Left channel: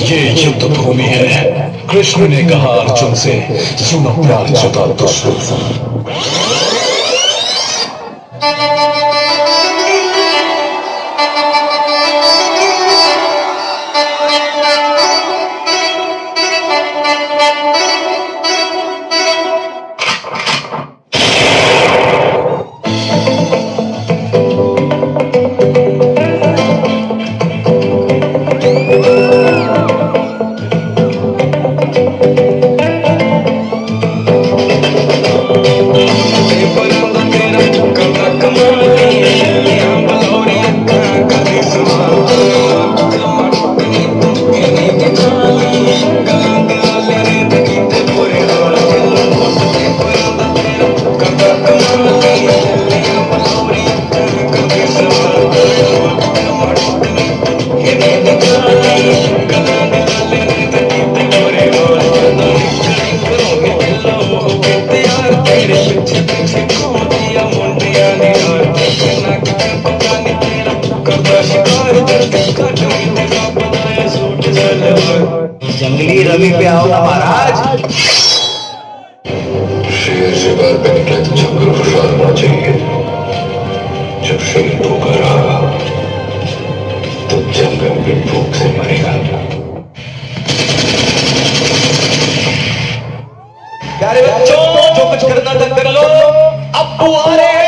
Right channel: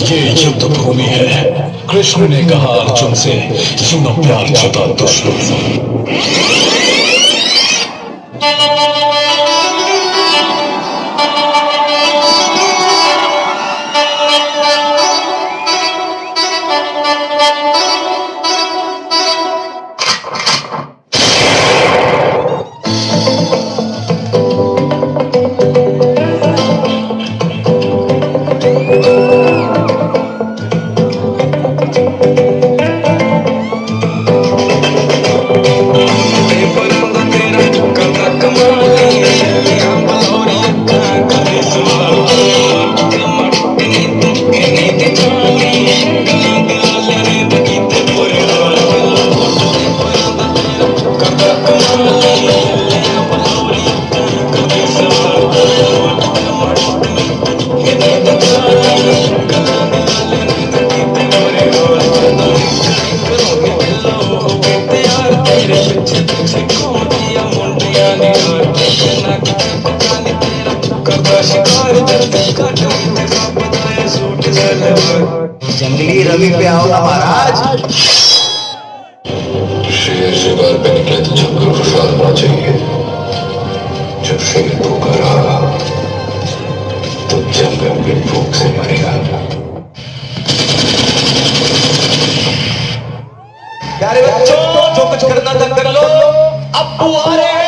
ये युद्ध भूमि है। कृष्ण ने कहा अर्जुन से, सुनो प्यार जुदा दुश्मन। जंगली रवि पे आओ ना महाराज। शेर शिकार पे निकले तो जंगल खुशहाल होना चाहिए। जब शेर भूखा रहा तो जंगल भी भूख से मरेगा। प्यारे बच्चों, जो कुछ करना था कर लो, अब्बू आ रहे हैं।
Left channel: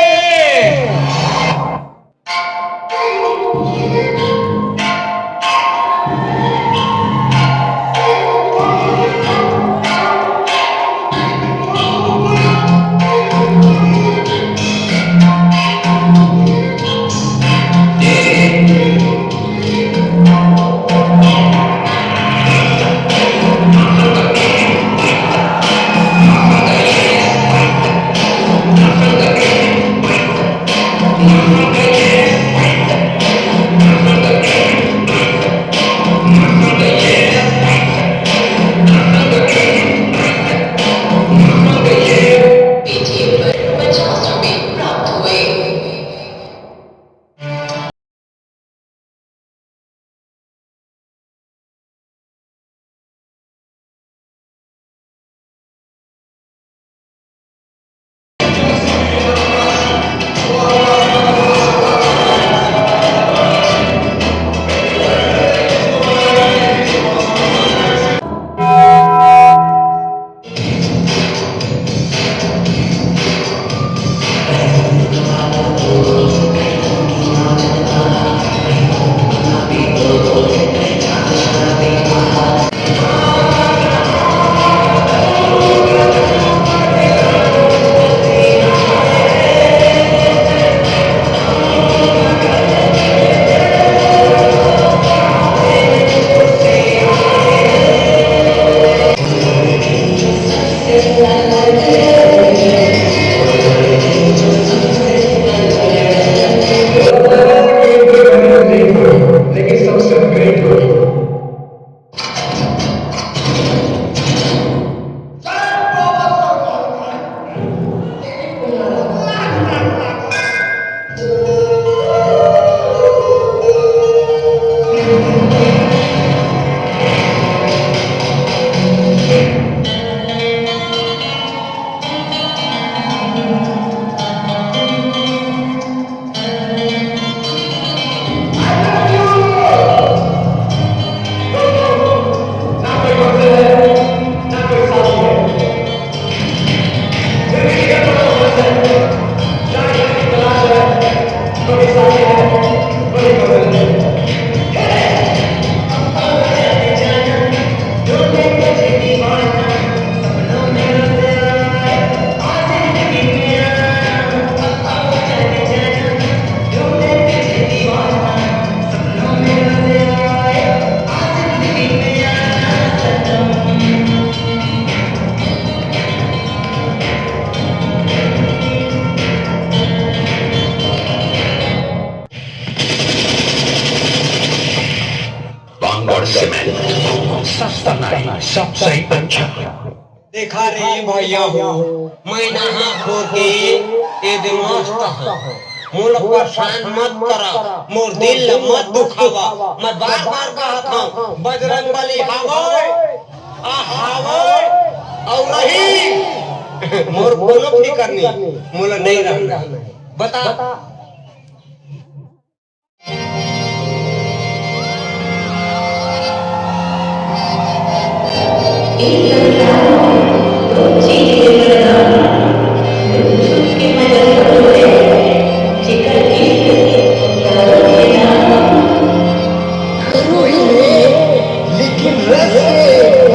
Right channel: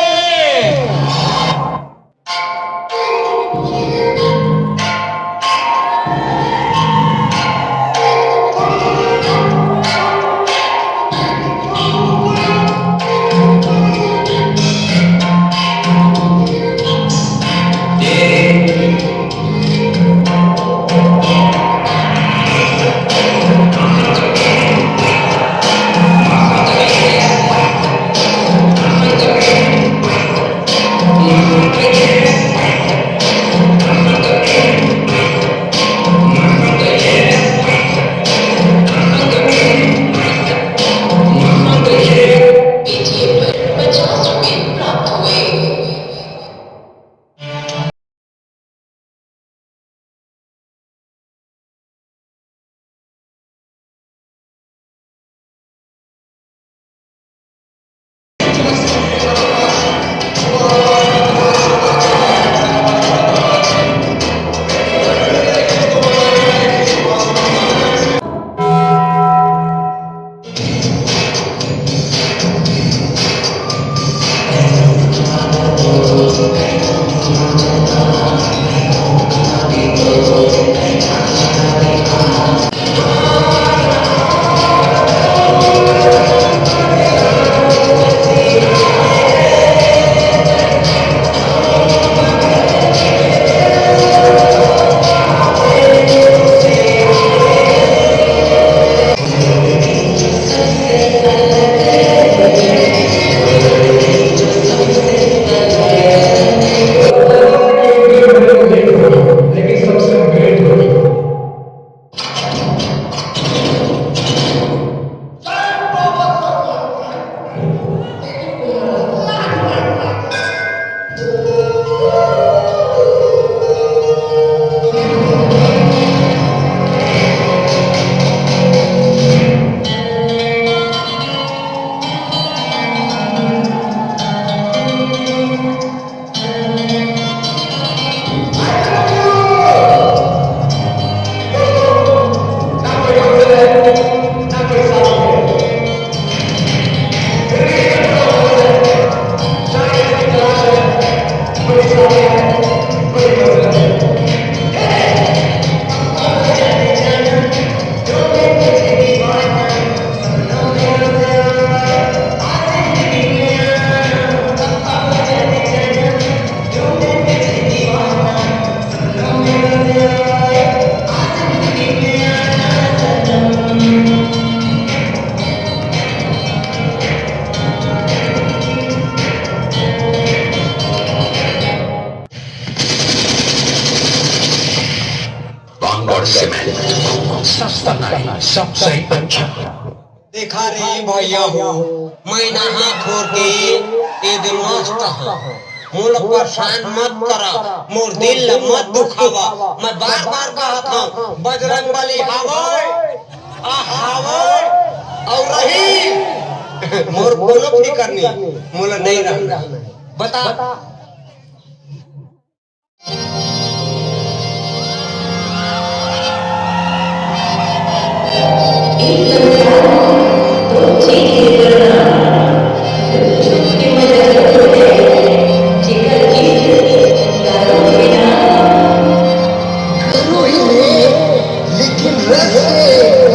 सस्ता नहीं, सबसे अच्छा। देखा रे भैया हो, मैं नहा खोर के ये दिन मस्त हूँ। मोला परेशान मत करा, मोर दिल ला मत दुखावा। मैं बार बार कहत हूँ बजरंग बली हावय और रही मोर कोनो फिकर नहीं, मोला नहीं रहना। बता एक संसार में दो चीजें करना, छुप के मदद करोगे, जिकर इश्क यारों के नाम। रोई ले, लेकिन रस से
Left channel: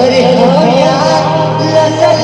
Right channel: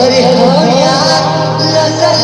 अरे हाँ यार लगा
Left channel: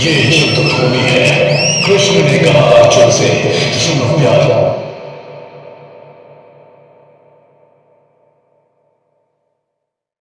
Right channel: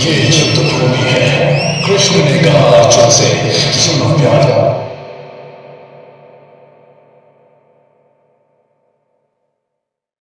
ये युद्ध भूमि है। कृष्ण ने कहा अर्जुन से, सुनो प्यारा,